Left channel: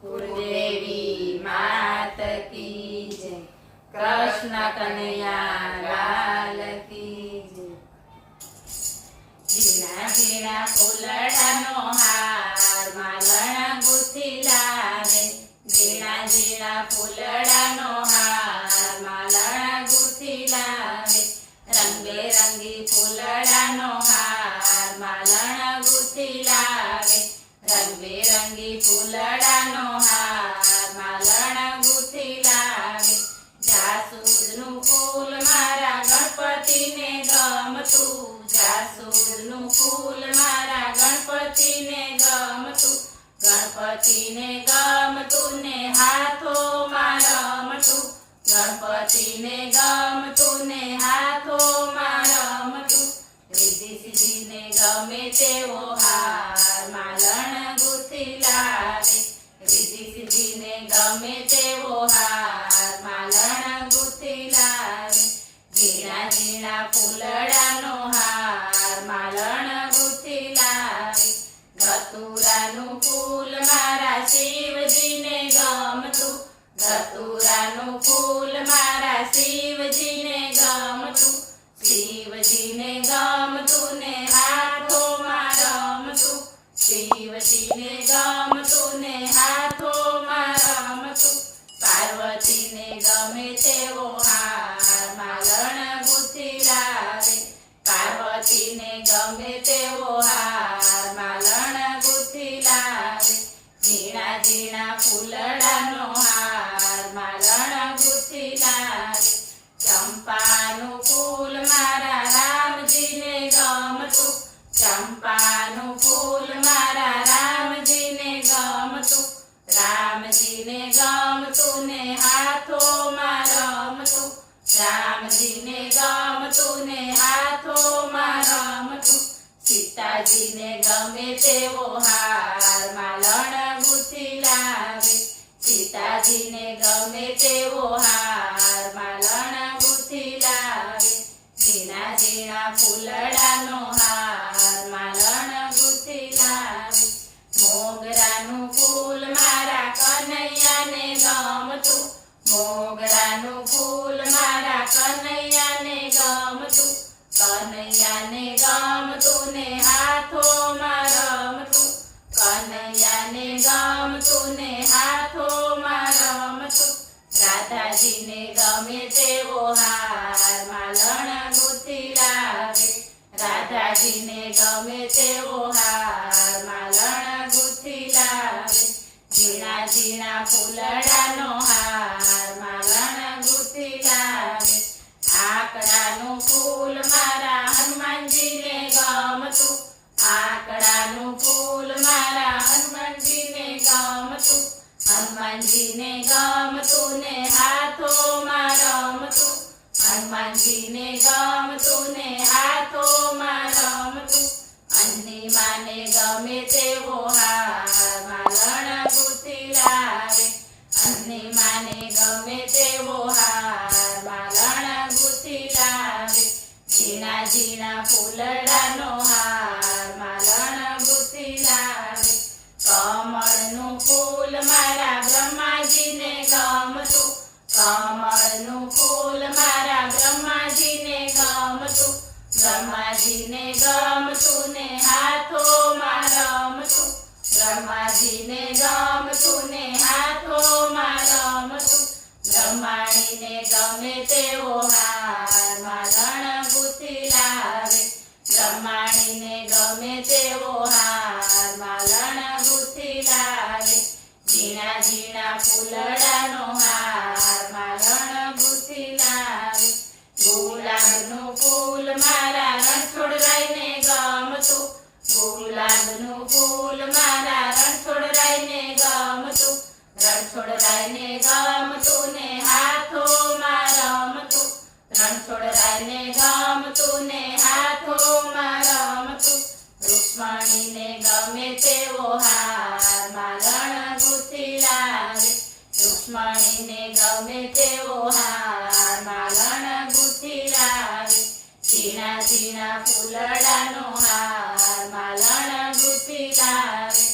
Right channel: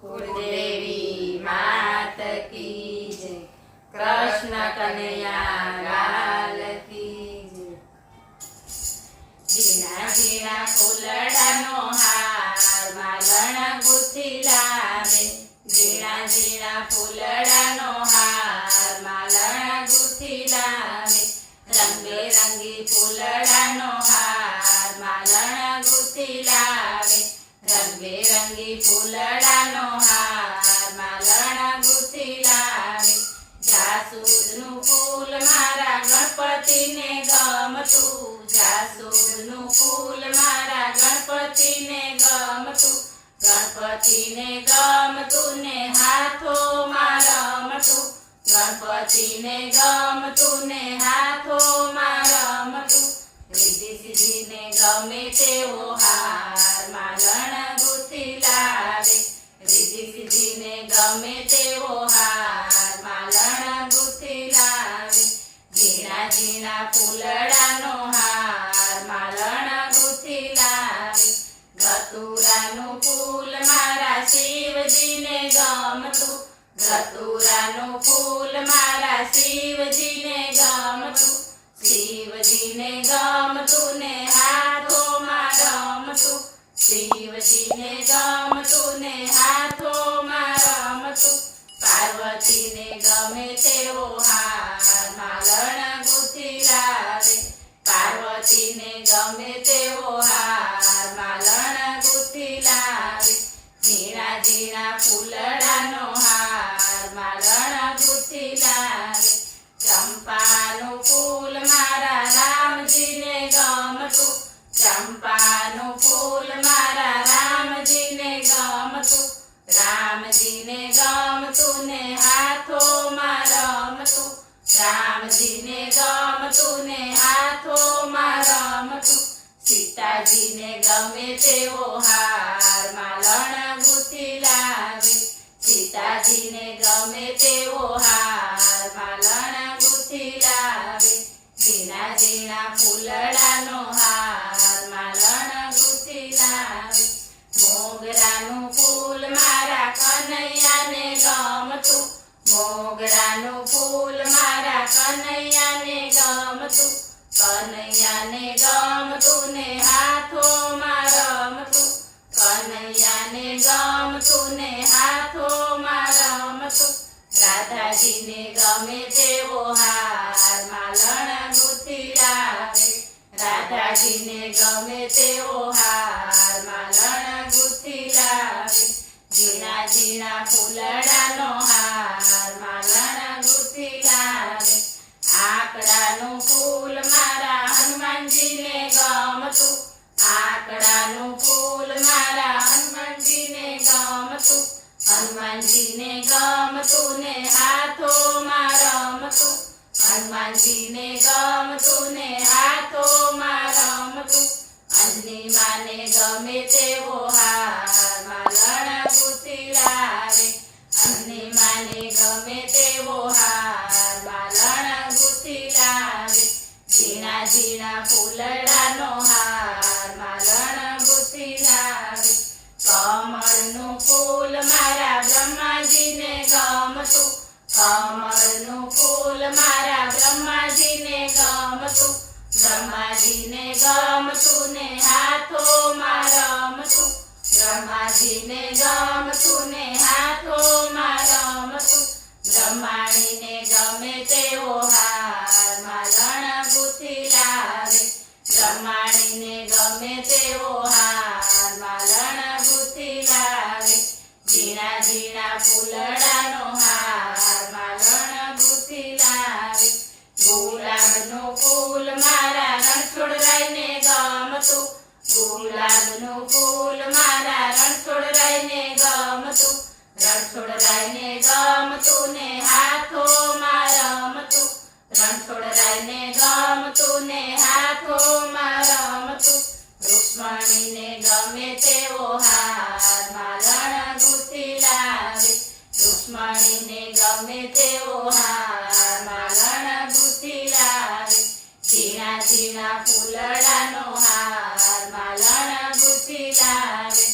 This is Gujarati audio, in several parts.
कुलदेवी मात की जय। कृष्ण कन्हैया लाल की जय। ઝીણા ઝીણા ફૂલડાનો હાર માલણ ગુથી લાવે, ઝીણા ઝીણા ફૂલડાનો હાર માલણ ગુથી લાવે, રંગબેરંગી ફૂલડાનો હાર માલણ ગુથી લાવે, રંગબેરંગી ફૂલડાનો હાર માલણ ગુથી લાવે, જાસૂદનું ફૂલ મારા ગણપતિને ગમતું, જાસૂદનું ફૂલ મારા ગણપતિને ગમતું, ગણપતિને ગમતું ને હાથોમાં રમતું, ગણપતિને ગમતું ને હાથોમાં રમતું, રિદ્ધિ સિદ્ધિને ગમે તેવો હાર માલણ ગુથી લાવે, રિદ્ધિ સિદ્ધિને ગમે તેવો હાર માલણ ગુથી લાવે, ઝીણા ઝીણા ફૂલડાનો હાર માલણ ગુથી લાવે, ધતુરાનું ફૂલ મારા શિવજીને ગમતું, ધતુરાનું ફૂલ મારા શિવજીને ગમતું, શિવજીને ગમતું ને હાથોમાં રમતું, શિવજીને ગમતું ને હાથોમાં રમતું, પાર્વતીને ગમે તેવો હાર માલણ ગુથી લાવે, પાર્વતીને ગમે તેવો હાર માલણ ગુથી લાવે, ઝીણા ઝીણા ફૂલડાનો હાર માલણ ગુથી લાવે, ચંપાનું ફૂલ મારા રામજીને ગમતું, ચંપાનું ફૂલ મારા રામજીને ગમતું, રામજીને ગમતું ને હાથોમાં રમતું, રામજીને ગમતું ને હાથોમાં રમતું, સીતાજીને ગમે તેવો હાર માલણ ગુથી લાવે, સીતાજીને ગમે તેવો હાર માલણ ગુથી લાવે, ઝીણા ઝીણા ફૂલડાનો હાર માલણ ગુથી લાવે, મોગરાનું ફૂલ મારા કનૈયાને ગમતું, મોગરાનું ફૂલ મારા કનૈયાને ગમતું, કનૈયાને ગમતું ને હાથોમાં રમતું, કનૈયાને ગમતું ને હાથોમાં રમતું, રાધાજીને ગમે તેવો હાર માલણ ગુથી લાવે, રાધાજીને ગમે તેવો હાર માલણ ગુથી લાવે, ઝીણા ઝીણા ફૂલડાનો હાર માલણ ગુથી લાવે, આકડાનું ફૂલ મારા હનુમાનજીને ગમતું, આકડાનું ફૂલ મારા હનુમાનજીને ગમતું, હનુમાનજીને ગમતું ને હાથોમાં રમતું, હનુમાનજીને ગમતું ને હાથોમાં રમતું, અંજની માને ગમે તેવો હાર માલણ ગુથી લાવે, અંજની માને ગમે તેવો હાર માલણ ગુથી લાવે, ઝીણા ઝીણા ફૂલડાનો હાર માલણ ગુથી લાવે, કમળનું ફૂલ મારા બ્રહ્માજીને ગમતું, કમળનું ફૂલ મારા બ્રહ્માજીને ગમતું, બ્રહ્માજીને ગમતું ને હાથોમાં રમતું, બ્રહ્માજીને ગમતું ને હાથોમાં રમતું, બ્રહ્માણીને ગમે તેવો હાર માલણ ગુથી લાવે, બ્રહ્માણીને ગમે તેવો હાર માલણ ગુથી લાવે, ઝીણા ઝીણા ફૂલડાનો હાર માલણ ગુથી લાવે, ગુલાબનું ફૂલ મારા રણછોડરાયને ગમતું, ગુલાબનું ફૂલ મારા રણછોડરાયને ગમતું, રણછોડરાયને ગમતું ને હાથોમાં રમતું, રણછોડરાયને ગમતું ને હાથોમાં રમતું, રૂક્ષ્મણીને ગમે તેવો હાર માલણ ગુથી લાવે, રૂક્ષ્મણીને ગમે તેવો હાર માલણ ગુથી લાવે, ઝીણા ઝીણા ફૂલડાનો હાર માલણ ગુથી લાવે,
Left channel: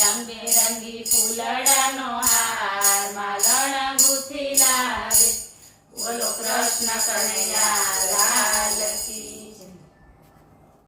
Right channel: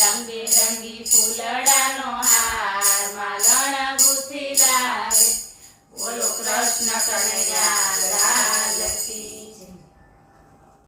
રંગ રંગબેરંગી ફૂલડાનો હાર માલણ ગુથી લાવે. બોલો કૃષ્ણ કનૈયા લાલ કી